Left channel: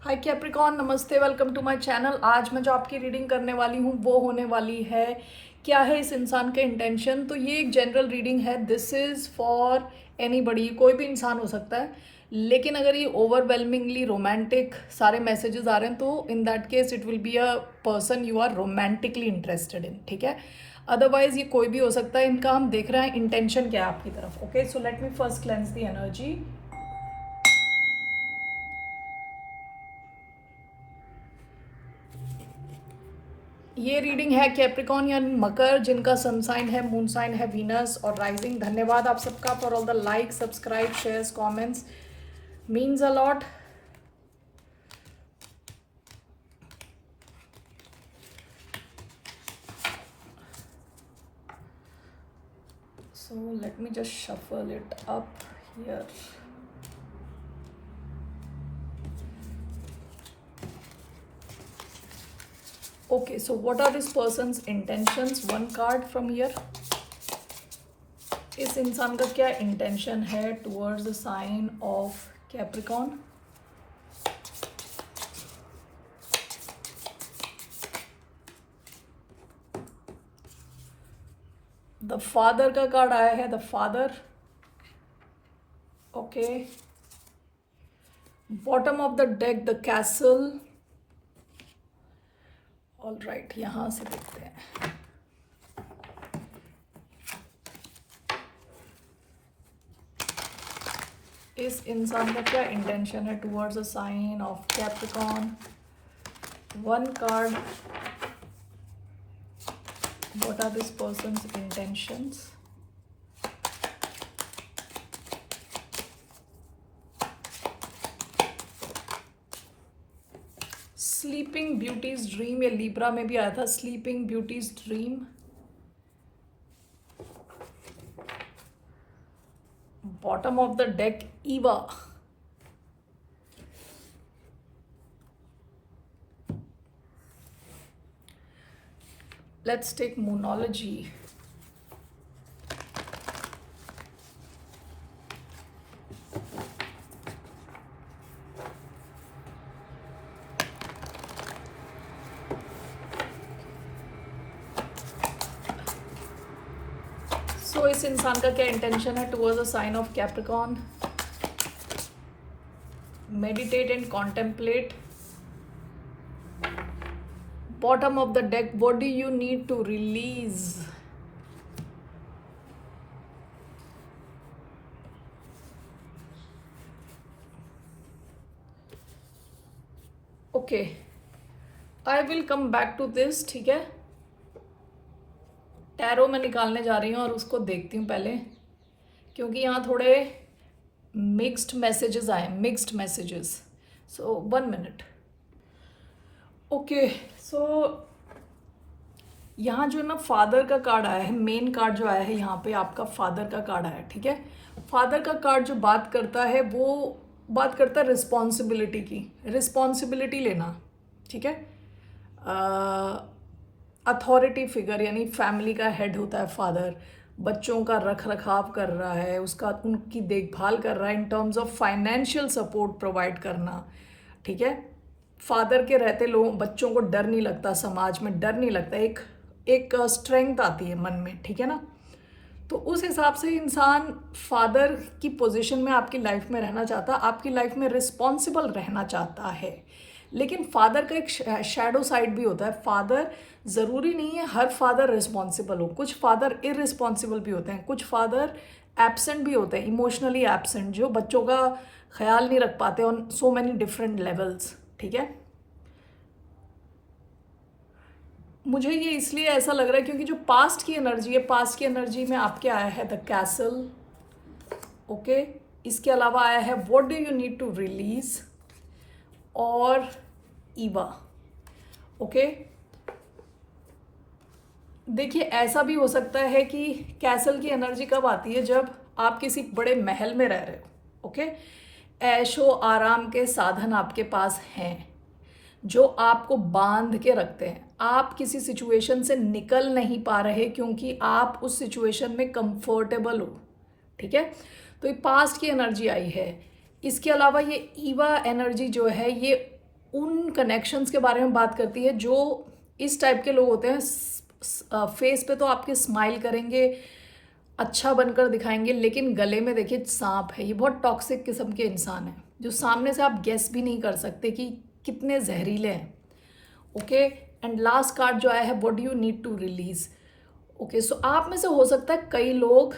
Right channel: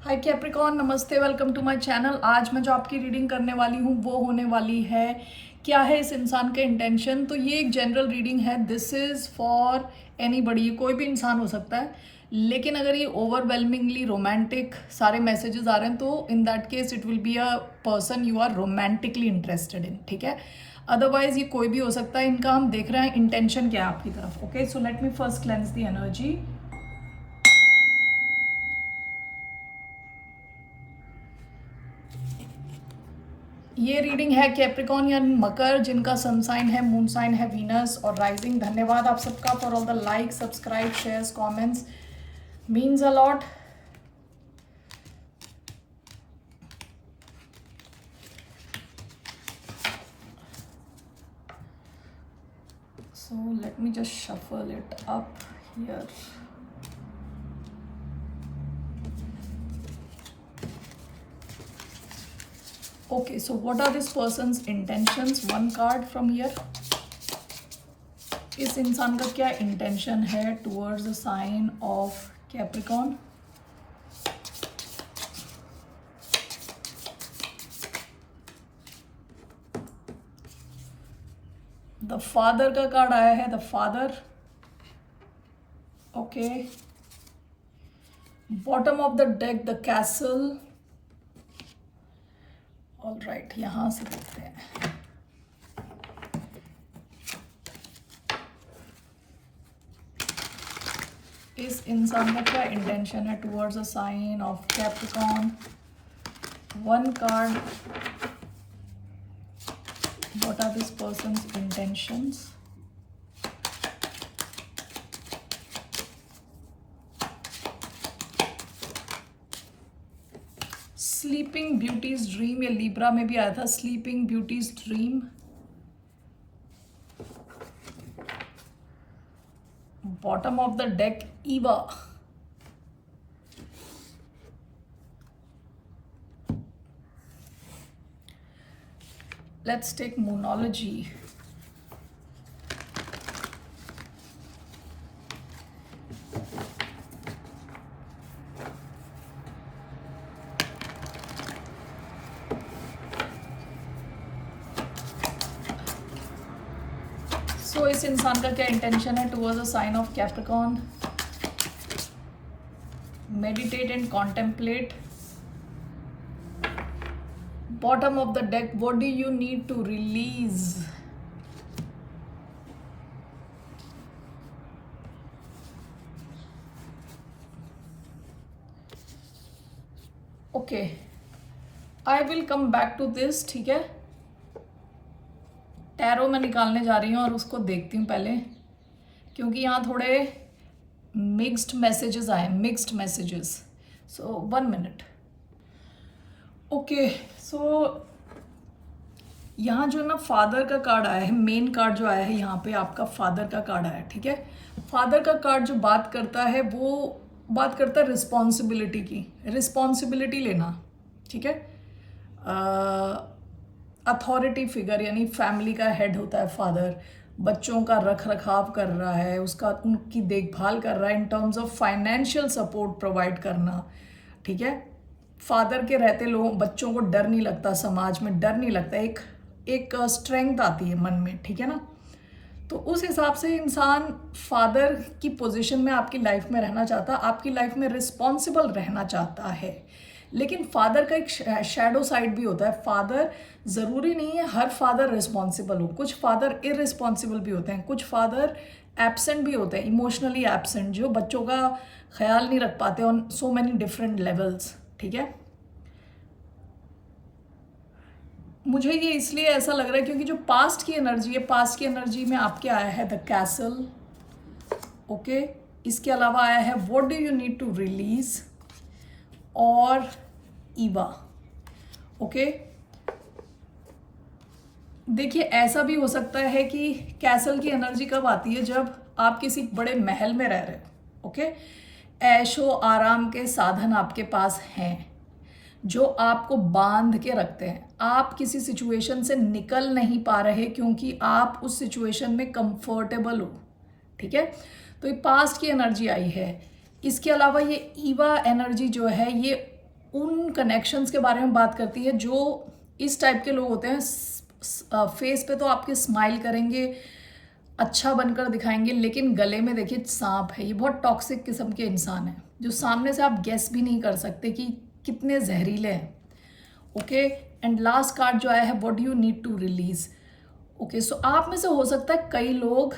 हाय Capricorn, नमस्ते, welcome to my channel. आज मैं जो आपकी रीडिंग करने वाली हूँ वो होने वाली है क्या है इस इंसान के इंटेंशन। तो ये एक जनरल रीडिंग है, दिस इज़ फॉर एनीबडी, कोई भी इंसान हो सकता है। लेकिन अगर ये ओवरवेलमिंगली रोमांटिक सारे मैसेजेस आ रहे हैं तो in that case it will be a person you are romantically interested in, ठीक है। अदरवाइज ये कोई भी हो सकता है। इनका हम देख रहे हैं इंटेंशन क्या है आपकी तरफ। Okay, so let me first cleanse the energy. ये रीडिंग है कैप्रिकॉन या मकर, जिनका सन साइन है, मून साइन है वीनस और राइजिंग। धन्यवाद आप सबका for all the like, subscribe, shares, comments, means a lot. So let me just shuffle it up here. Okay, so what are this person's intentions? One card from here. इस इंसान का क्या intention है towards the sign of Capricorn? The father का card आया है, the father. Okay, bottom of the deck the castle. All right, यहां से देखते हैं। इस इंसान का क्या इंटेंशन है towards a sign of Capricorn? One card, what are this person's intentions? Sleeping beauty's dream, ये लिब्रा में भी आया था, sleeping beauty's dream. Bottom of the deck ईवा। Let's take monology. सो इस इंसान का क्या इंटेंशन है towards the sign of Capricorn? Meditate and contemplate. Bottom of the deck, what do you need to release? Okay, I will come back to this, ठीक है। Tarot में निकालने जा रही हूँ और उसको देखती हूँ पहले, क्योंकि यहाँ थोड़े मिक्स्ड मैसेजेस आए, मिक्स्ड मैसेजेस। सो 1 मिनट। ओके, सो यहाँ जो है ना फादर का कार्ड आया है, मेन कार्ड जो आया है यहाँ पे आपका फादर का कार्ड आया है, ठीक है। फादर का कार्ड जो बात करता है वो बात करता है रिस्पॉन्सिबिलिटी की, रिस्पॉन्सिबिलिटी लेना, ठीक है। अथॉरिटी फिगर, यानी फैमिली का हेड होता है फादर, बच्चों का रख रखाव कर रहा है, उसका उनकी देखभाल कर रहा है, in terms of financial support provide करना, ठीक है। फादर के रहते लोगों बच्चों को डर नहीं लगता, समाज में डर नहीं लगता, एक स्ट्रेंथ आती है मन में, ठीक है ना। तो उस हिसाब से इंसान फादर की पोजीशन में आपकी लाइफ में रहना चाहता है, आपकी लाइफ में रिस्पॉन्सिबल रहना चाहता है। लेकिन फादर का एक शैडो साइड भी होता है। फादर ज़रूरी नहीं है हर फादर रिस्पॉन्सिबल हो, कुछ फादर इररिस्पॉन्सिबल भी होते हैं, कुछ फादर एब्सेंट भी होते हैं, इमोशनली एब्सेंट, जो बच्चों का ख्याल नहीं रख पाते on so many different levels, ठीक है। मुझे ये इसलिए ऐसा लग रहा है क्योंकि जो पास्ट की एनर्जी है, पास्ट की एनर्जी में आपके आया है द कैसल। ओके, इसके अलावा आया है what do you need to release और ईवा। ओके, देखिए ऐसा भी हो सकता है कि कैसल की एनर्जी कब आती है, जब आप किसी बड़े महल में रह रहे हो। ओके, ऐशो आराम के साधन आपके पास हैं जो आपको बांध के रखते हैं, आप किसी सिचुएशन से निकल नहीं पा रहे क्योंकि आप उस सिचुएशन में कंफर्टेबल हो, ठीक है। तो ये पास्ट की एनर्जी आई है। इसके अलावा ये ईवा एनर्जी जो है ये उन कनेक्शंस के बारे में बात करती है जो इस टाइप के लोग होते हैं। फेस पे तो आपके स्माइल करेंगे, अच्छा बनकर दिखाएंगे, लेकिन गले में देखिए सांप है। ये बहुत टॉक्सिक किस्म के इंसान हैं जो सामने से आप गेस भी नहीं कर सकते कि कितने जहरीले हैं। ओके, एंड लास्ट कार्ड जो आया है, what do you need to release. Okay, so आप में से हो सकता है कई लोग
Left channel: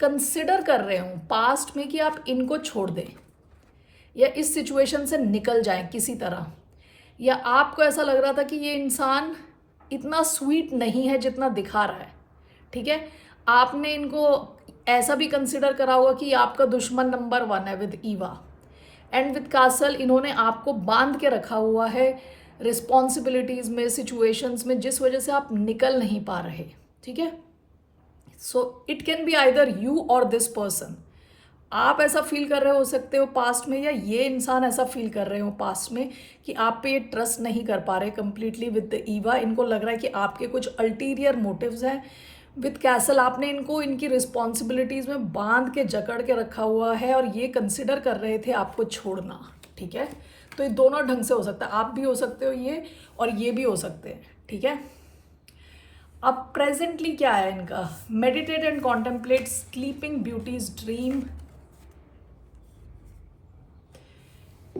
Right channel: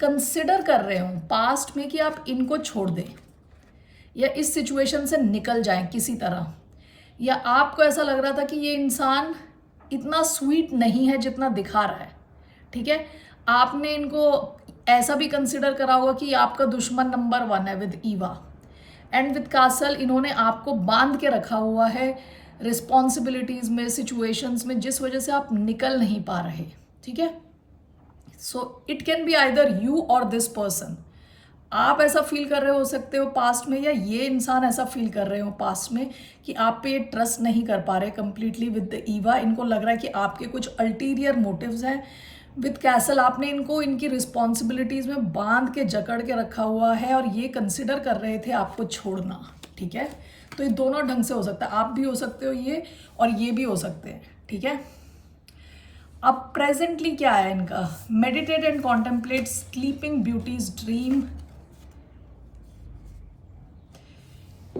कंसिडर कर रहे हो पास्ट में कि आप इनको छोड़ दें या इस सिचुएशन से निकल जाएं किसी तरह, या आपको ऐसा लग रहा था कि ये इंसान इतना स्वीट नहीं है जितना दिखा रहा है। ठीक है, आपने इनको ऐसा भी कंसिडर करा होगा कि आपका दुश्मन नंबर 1 है with Eva and with castle. इन्होंने आपको बांध के रखा हुआ है रिस्पॉन्सिबिलिटीज में, सिचुएशंस में, जिस वजह से आप निकल नहीं पा रहे। ठीक है, so it can be either you और दिस पर्सन। आप ऐसा फील कर रहे हो सकते हो पास्ट में, या ये इंसान ऐसा फील कर रहे हो पास्ट में कि आप पे ये ट्रस्ट नहीं कर पा रहे कंप्लीटली विद द ईवा। इनको लग रहा है कि आपके कुछ अल्टीरियर मोटिव्स हैं। विद कैसल आपने इनको इनकी रिस्पॉन्सिबिलिटीज में बांध के जकड़ के रखा हुआ है और ये कंसिडर कर रहे थे आपको छोड़ना। ठीक है, तो ये दोनों ढंग से हो सकता है, आप भी हो सकते हो ये और ये भी हो सकते हैं। ठीक है, अब प्रेजेंटली क्या है इनका, meditate and contemplate sleeping beauty's dream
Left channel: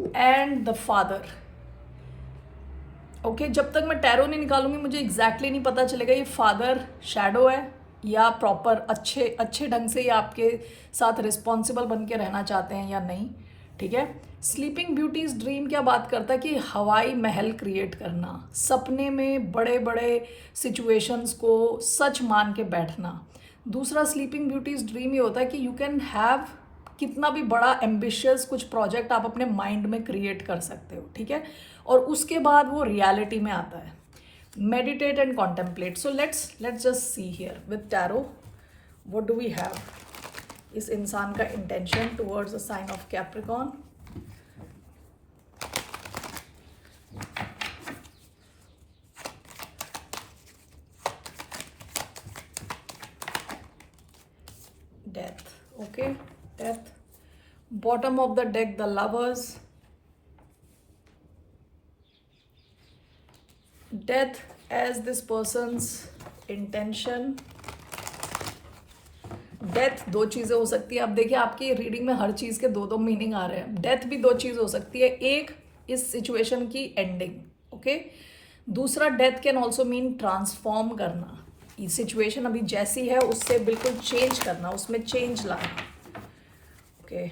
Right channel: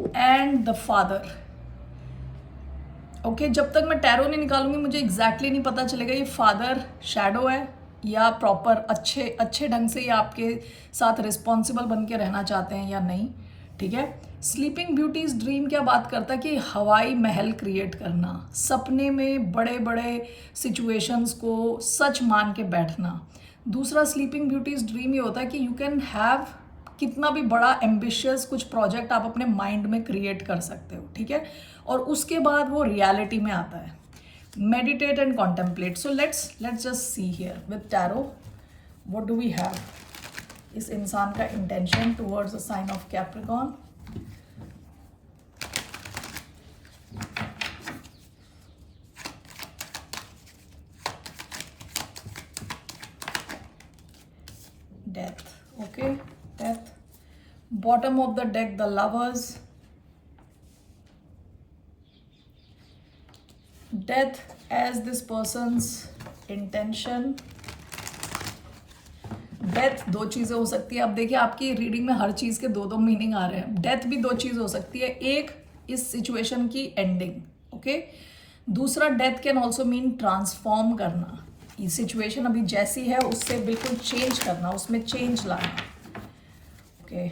and the father. Okay, जब तक मैं टैरो नहीं निकालूंगी मुझे एग्जैक्टली नहीं पता चलेगा ये फादर शैडो है या प्रॉपर अच्छे ढंग से ये आपके साथ रिस्पॉन्सिबल बन के रहना चाहते हैं या नहीं। ठीक है, स्लीपिंग ब्यूटीज ड्रीम क्या बात करता है कि हवाई महल क्रिएट करना, सपने में बड़े बड़े सिचुएशंस को सच मान के बैठना। दूसरा स्लीपिंग ब्यूटीज ड्रीम ये होता है कि यू कैन हैव कितना भी बड़ा एम्बिशियस कुछ प्रोजेक्ट आप अपने माइंड में क्रिएट कर सकते हो। ठीक है, और उसके बाद वो रियलिटी में आता है। Meditate and contemplate, so let's just see here with tarot what do we have. इस इंसान का intention towards the sign of Capricorn, death. Okay, death. Bottom of the deck, the lovers, death as this person's intention। Death दो चीज़ें हो सकती है। अब देखिए आपकी रीडिंग में हर चीज़ के दो दो मीनिंग आ रहे हैं। डेथ भी दो चीज़ हो सकती है, एक इस सिचुएशन की एंडिंग। ओके, दूसरा death can also mean transform करना, ये सिचुएशन अभी जैसी है उससे बिल्कुल चेंज करना, उसमें चेंज लाना। ओके,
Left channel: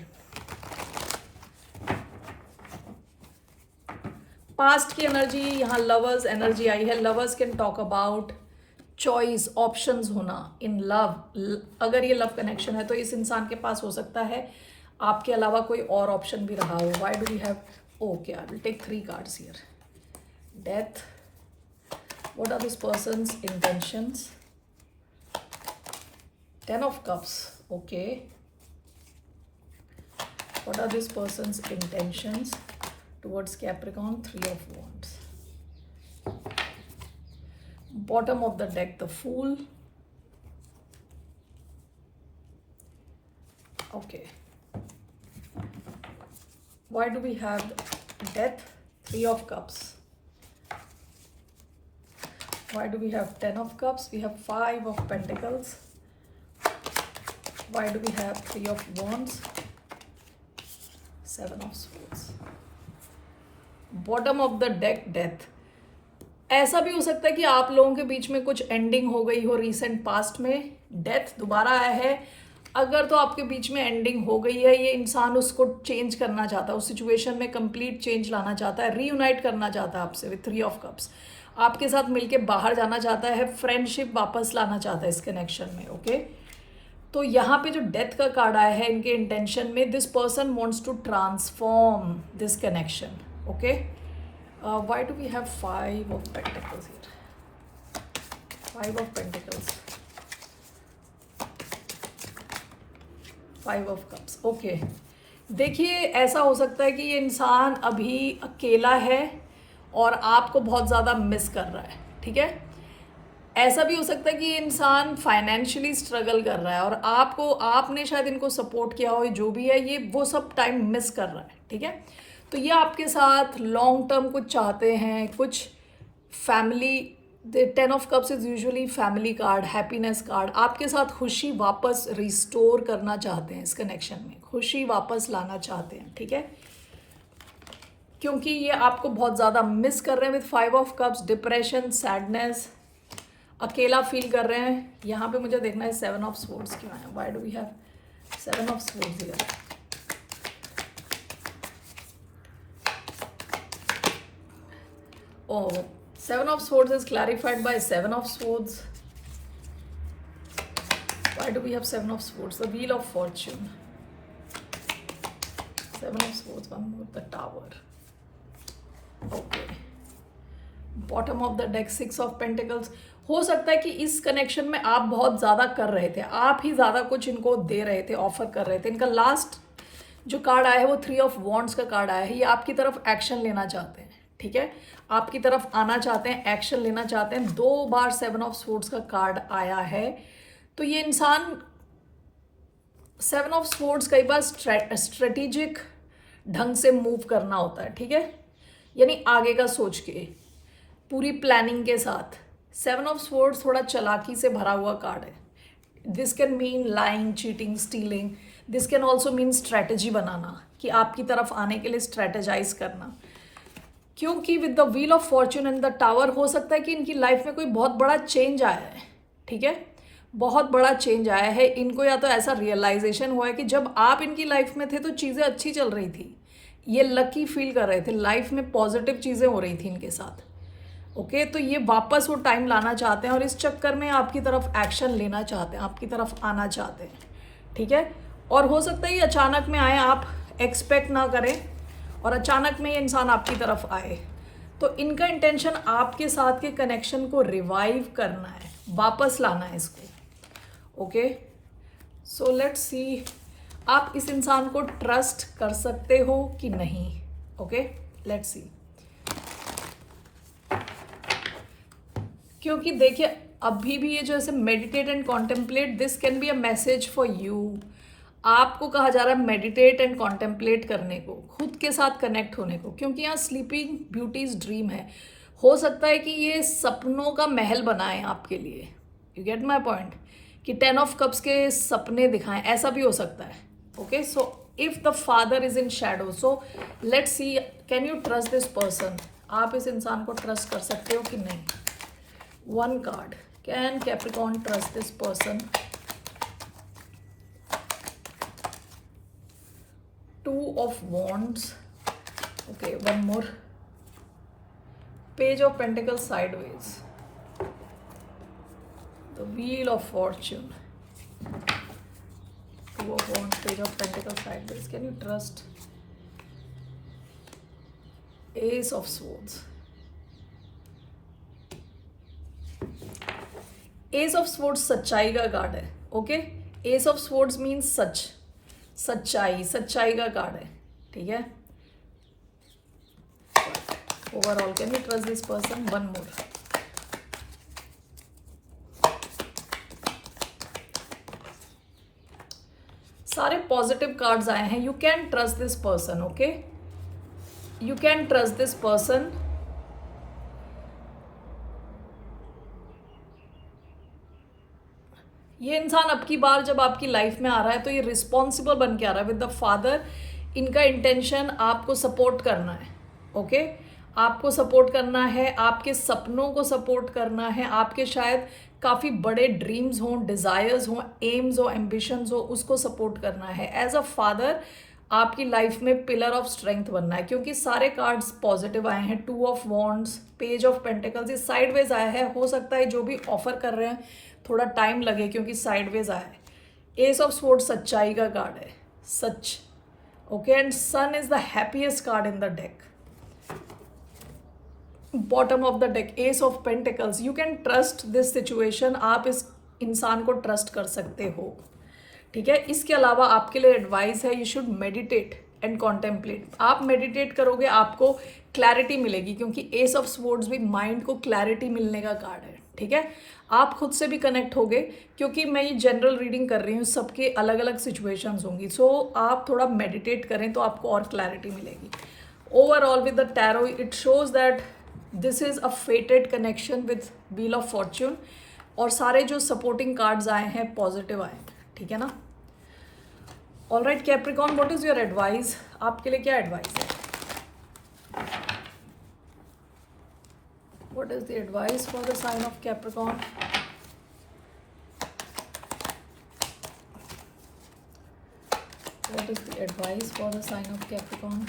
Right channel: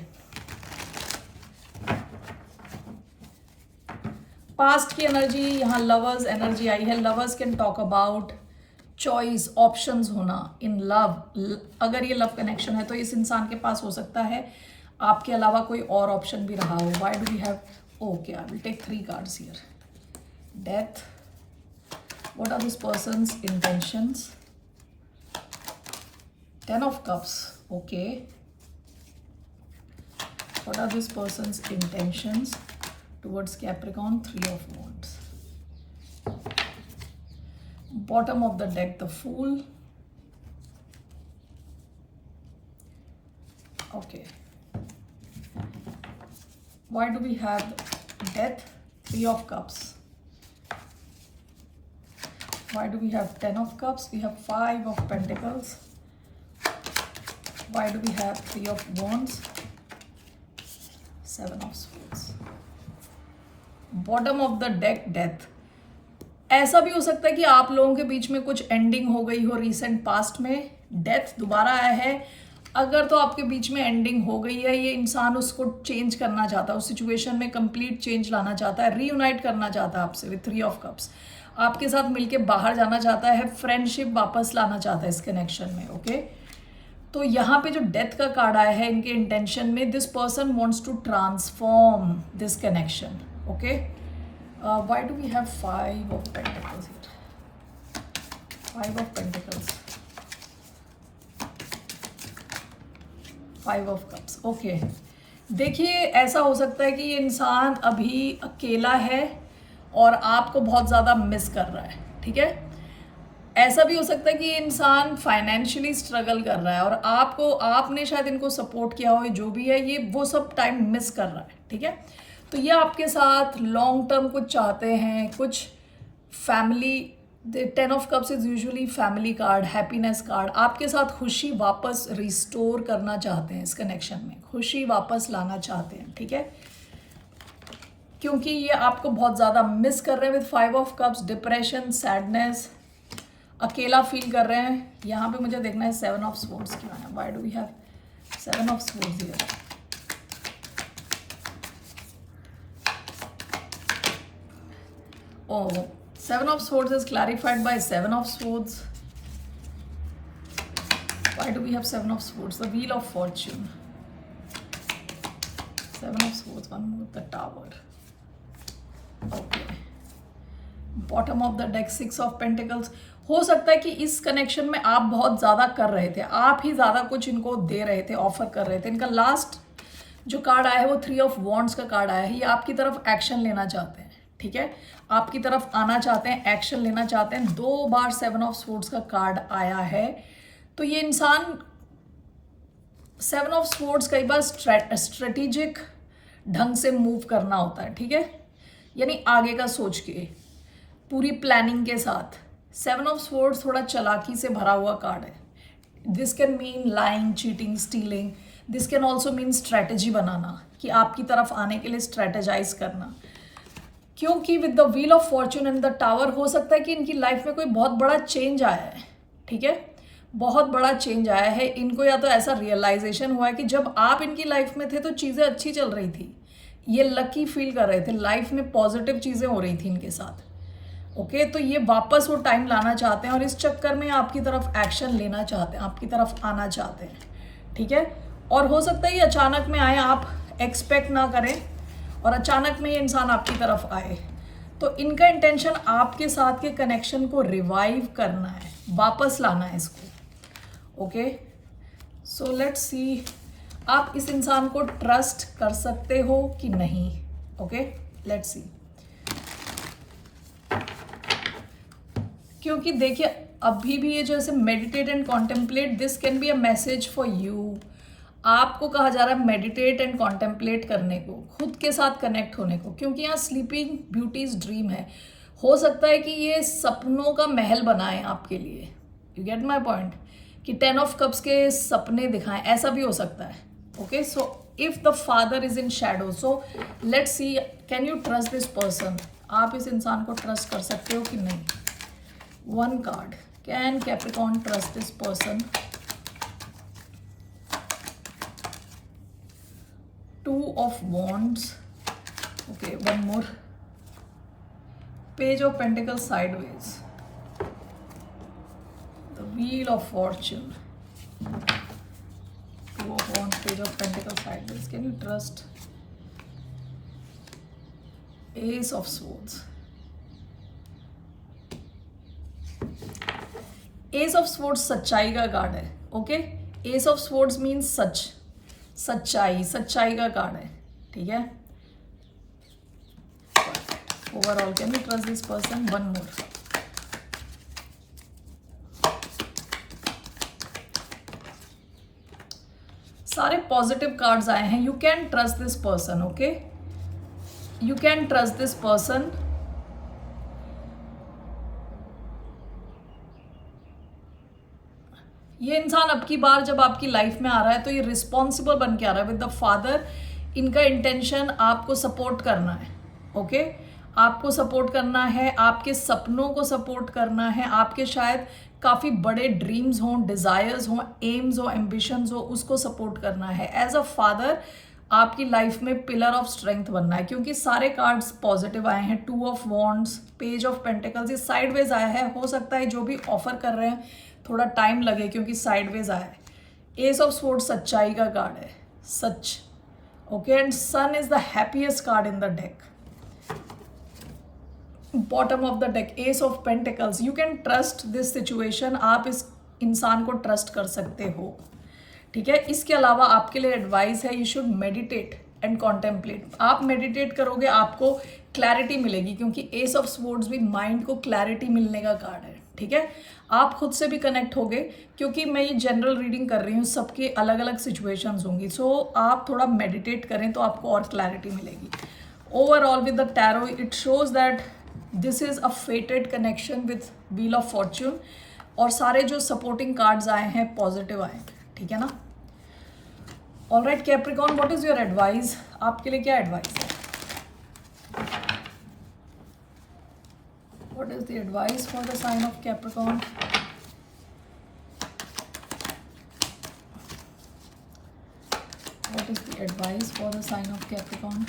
पास्ट की एनर्जी, यहाँ लवर्स एनर्जी आई है। Lovers can talk about choice, options होना इन लव। अगर ये लव कनेक्शन है तो इस इंसान के पास हो सकता है आपके अलावा कोई और ऑप्शन भी रहा हो। Why do we have, okay I will take 3 cards here. Death, what are this person's intentions, 10 of cups. Okay, what are this person's intentions towards Capricorn, 3 of Wands. Bottom of the deck, the Fool. Okay, why do we have Death, 3 of Cups? Why do we have 10 of Cups? We have 5 of Pentacles. Why do we have 3 of Wands, 7 of Swords? Bottom of the deck, death. ऐसा भी हो सकता है कि आप लोगों के बीच में कुछ एंडिंग हो गई हो रीसेंट पास्ट में। डेथ दोबारा आया है, अगर तो आपके बीच में एंडिंग हो गई है, ये इंसान उसको चेंज करना चाहता है, उस सिचुएशन में कंप्लीट चेंज लाना चाहता है, रीयूनाइट करना चाहता है आपसे विद 3 ऑफ कप्स, आपके साथ मिलके बाहर जाना चाहता है, फ्रेंडशिप वापस लाना चाहता है इस कनेक्शन में। ओके, तो यहाँ पे जो डेथ का कार्ड आया है इनके इंटेंशन में, this person wants to transform this connection. Okay, why do we have 5 of Pentacles here? 5 of Pentacles, 5 of Cups. Okay, देखिए ऐसा हो सकता है कि ये इंसान अभी अकेला है और आपको बहुत ज़्यादा मिस कर रहा है। ठीक है, ऐसा भी हो सकता है कि ये इंसान फाइनेंशियली स्ट्रगल कर रहा है और आपने शायद इनको सपोर्ट किया हो, जो भी है ये वो सब टाइम मिस कर रहा है। ठीक है, तो ये आपके साथ लॉन्ग टर्म कुछ चाहते हैं, कुछ family, the 10 of cups is usually family card, happiness card. आपके साथ खुशी वापस रिस्टोर करना चाहते हैं, इस कनेक्शन में खुशी वापस लाना चाहते हैं, ठीक है, क्योंकि ये आपको बहुत ज़्यादा मिस कर रहे हैं with 5 of cups. Depression, sadness, अकेला फील कर रहे हैं। यहाँ पे मुझे देखना है 7 ऑफ स्वॉर्ड्स क्यों है, why do we have 7 of swords here. Oh, 7 of swords is clarified by 7 of swords. Why do we have 7 of swords? The wheel of fortune. 7 of swords, one more, the tower. Okay. Bottom of the deck, 6 of pentacles. हो सकता है कि इस connection में आप बहुत ज़्यादा कर रहे थे, आप ही ज़्यादा कुछ इनको दे रहे थे, ऑफर कर रहे थे। इनका लास्ट जो कार्ड आया है वो 3 ऑफ वॉन्ड्स का कार्ड आया है। ये आपकी तरफ एक्शन लेना चाहते हैं, ठीक है, आपकी तरफ आना चाहते हैं, एक्शन लेना चाहते हैं। 2 बार 7 ऑफ स्वॉर्ड्स का कार्ड आया है। तो ये इंसान 7 ऑफ स्वॉर्ड्स कई बार स्ट्रेटेजिक ढंग से मूव करना होता है, ठीक है, यानी आगे का सोच के, पूरी प्लानिंग के साथ। 7 ऑफ स्वॉर्ड्स थोड़ा चालाकी से भरा हुआ कार्ड है। This can mean lying, cheating, stealing. This can also mean strategy बनाना, कि आपकी तरफ आने के लिए स्ट्रैटेजाइज करना। क्योंकि with the wheel of fortune and the tower हो सकता है कि इनकी लाइफ में कोई बहुत बड़ा चेंज आया है, ठीक है, बहुत बड़ा चेंज आया है। इनको या तो ऐसा रियलाइजेशन हुआ है कि जब आप इनकी लाइफ में थे तो चीज़ें अच्छी चल रही थी, ये लकी फील कर रहे थे, लाइफ में पॉजिटिव चीज़ें हो रही थी इनके साथ। ओके, तो ये वापस वो टाइम लाना चाहते हैं और इस चक्कर में आपकी तरफ एक्शन लेना चाहते हैं, आपकी तरफ आना चाहते हैं, ठीक है। और हो सकता है ये अचानक में आए, आप एक्सपेक्ट ना करें और अचानक में ये इंसान आपकी तरफ आए। तो इनका इंटेंशन आपके साथ के कनेक्शन को रिवाइव करना है, वापस लाना है इसको। ओके, सो लेट्स सी, आप इस इंसान को ट्रस्ट कर सकते हो कि नहीं। ओके, लेट्स सी, क्योंकि देखिए अभी भी ये जो ऐसे meditate and contemplate, this can be a message for you. आपको कहा जा रहा है मेडिटेट एंड कॉन्टेम्पलेट करने को, खुद के साथ कनेक्ट होने को, क्योंकि यहाँ स्लीपिंग ब्यूटीज ड्रीम है। हो सकता है कि ये सपनों का महल बनाए आपके लिए। यू गेट माई पॉइंट, कि 10 ऑफ कप्स के सपने दिखाएं, ऐसा भी हो सकता है। Okay, so if the father is in Shadow, so let's see, can you trust this person. आप इस इंसान को ट्रस्ट कर सकते हो कि नहीं। 1 card, can Capricorn trust this person. 2 of wands. Okay, one more. Page of pentacles sideways. The wheel of fortune. 2 of wands, page of pentacles sideways. Can you trust? Ace of swords. Ace of swords सच्चाई का card है। Okay, Ace of swords means सच, सच्चाई, सच्चाई का card है, ठीक है। Overall can you trust this person. 1 मोर। सारे पॉजिटिव कार्ड्स आए हैं। You can trust this person. Okay, you can trust this person. ये इंसान अब की बार जब आपकी लाइफ में आ रहा है तो ये रिस्पॉन्सिबल बन के आ रहा है विद द फादर। इनका इंटेंशन आपको सपोर्ट करना है। ओके, आपको सपोर्ट करना है, आपके सपनों को सपोर्ट करना है, आपके शायद काफ़ी बड़े ड्रीम्स हों, डिज़ायर्स हों, एम्स हो, एम्बिशंस हो, उसको सपोर्ट करना है। एज अ फादर आपकी लाइफ में पिलर ऑफ स्ट्रेंथ बनना है, क्योंकि सारे कार्ड्स पॉजिटिव आए हैं। 2 of wands, page of pentacles, ये साइडवेज आया है। हो सकता है जो भी ऑफर कर रहे हैं थोड़ा टाइम लगे क्योंकि साइडवेज आया है। एस ऑफ स्वॉर्ड्स सच्चाई का कार्ड है, सच। Okay, and sun is the happiest card in the deck. Bottom of the deck, ace of pentacles. You can trust this situation. आप इस इंसान को ट्रस्ट कर सकते हो, ठीक है। इसके अलावा आपके लिए एडवाइस है, you should meditate and contemplate. आप मेडिटेट करोगे आपको क्लैरिटी मिलेगी, क्योंकि एस ऑफ स्वॉर्ड्स भी माइंड को क्लैरिटी मिलने का कार्ड है, ठीक है। आप खुद से भी कनेक्ट होगे, क्योंकि मैं ये जनरल रीडिंग कर रही हूँ, सबके अलग अलग सिचुएशंस होंगी। सो आप थोड़ा मेडिटेट करें तो आपको और क्लैरिटी मिलेगी। Overall with the tarot it shows that this is a fated connection with wheel of fortune, और सारे जो सपोर्टिंग कार्ड्स आए हैं पॉजिटिव आए, ठीक है ना। All right Capricorn, what is your advice, आपके लिए क्या एडवाइस है? What is the advice for the sign of Capricorn? What is the advice for the sign of Capricorn?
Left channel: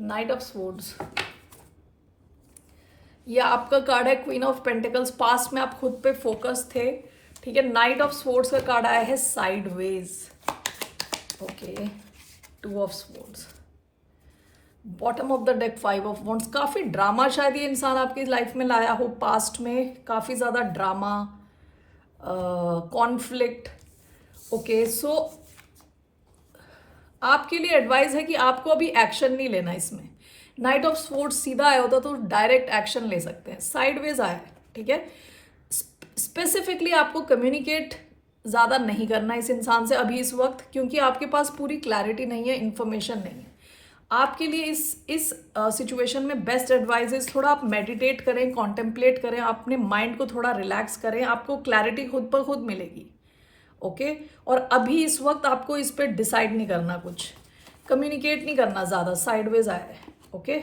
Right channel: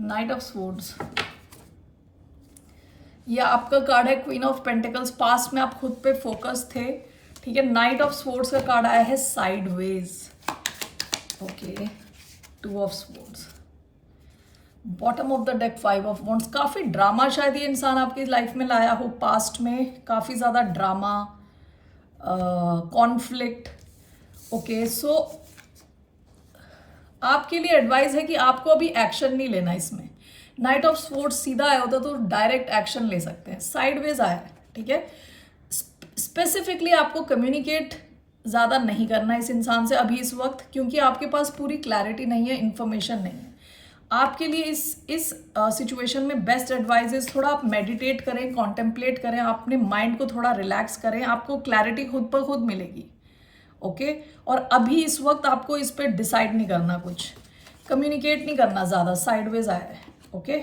Knight of swords, ये आपका कार्ड है क्वीन ऑफ पेंटिकल्स। पास्ट में आप खुद पे फोकस थे, ठीक है। नाइट ऑफ स्वॉर्ड्स का कार्ड आया है sideways, okay. To of swords, bottom of the deck five of wands. काफी ड्रामा शायद ये इंसान आपकी लाइफ में लाया हो पास्ट में, काफी ज्यादा ड्रामा, कॉन्फ्लिक्ट, ओके। सो आपके लिए एडवाइस है कि आपको अभी एक्शन नहीं लेना इसमें। नाइट ऑफ स्वॉर्ड्स सीधा आया होता तो डायरेक्ट एक्शन ले सकते हैं, साइडवेज आया है, ठीक है। स्पेसिफिकली आपको कम्युनिकेट ज़्यादा नहीं करना इस इंसान से अभी इस वक्त, क्योंकि आपके पास पूरी क्लैरिटी नहीं है, इंफॉर्मेशन नहीं है। आपके लिए इस सिचुएशन में बेस्ट एडवाइस थोड़ा आप मेडिटेट करें, कॉन्टेम्पलेट करें, अपने माइंड को थोड़ा रिलैक्स करें, आपको क्लैरिटी खुद ब खुद मिलेगी, ओके। और अभी इस वक्त आपको इस पर डिसाइड नहीं करना, कुछ कम्युनिकेट नहीं करना ज़्यादा, साइडवेज आया है, ओके।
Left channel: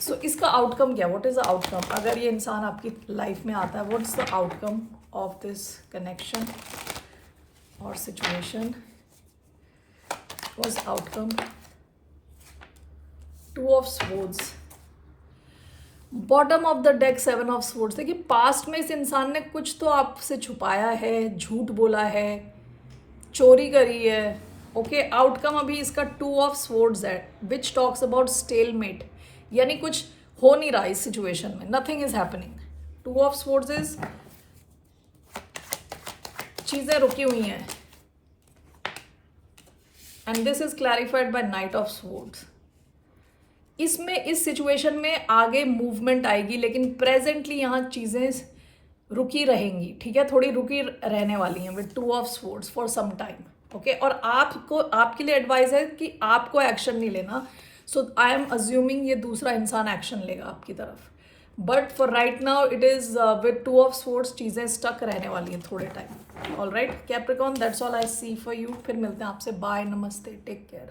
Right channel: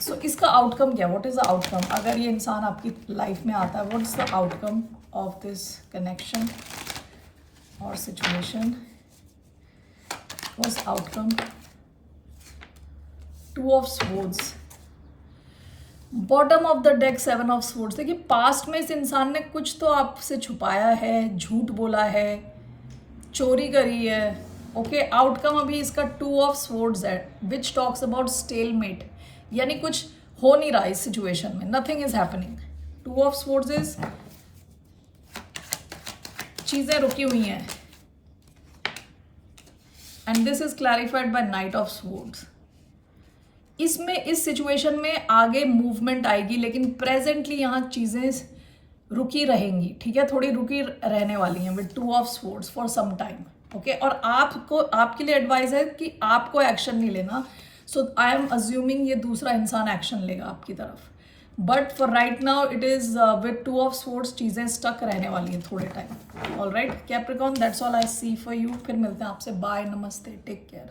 सो इसका आउटकम क्या, व्हाट इज द आउटकम अगर ये इंसान आपकी लाइफ में आता है? What is the outcome of this connection और situation? What outcome? Two of swords, bottom of the deck seven of swords. देखिए पास्ट में इस इंसान ने कुछ तो आपसे छुपाया है, झूठ बोला है, चोरी करी है, ओके। आउटकम अभी इसका टू ऑफ स्वॉर्ड्स है, विच टॉक्स अबाउट स्टेलमेट, यानी कुछ हो नहीं रहा इस सिचुएशन में, nothing is happening. Two of swords is चीजें रुकी हुई हैं, and this is clarified by knight of swords. इसमें इस सिचुएशन में आगे मूवमेंट आएगी, लेकिन प्रेजेंटली यहाँ चीजें रुकी रहेंगी, ठीक है, थोड़ी रुकी रहने वाली हैं with two of swords for some time, okay. और आपको, आपके लिए एडवाइस है कि आपको एक्शन नहीं लेना। सो आई एम अज्यूमिंग ये दूसरा इंसान एक्शन लेगा आपकी तरफ, but for right now it is with two of swords चीजें स्टक रहने वाली है थोड़े time. All right Capricorn, that's all I see for you. फिर मिलते हैं आपसे, बाय, नमस्ते, टेक केयर।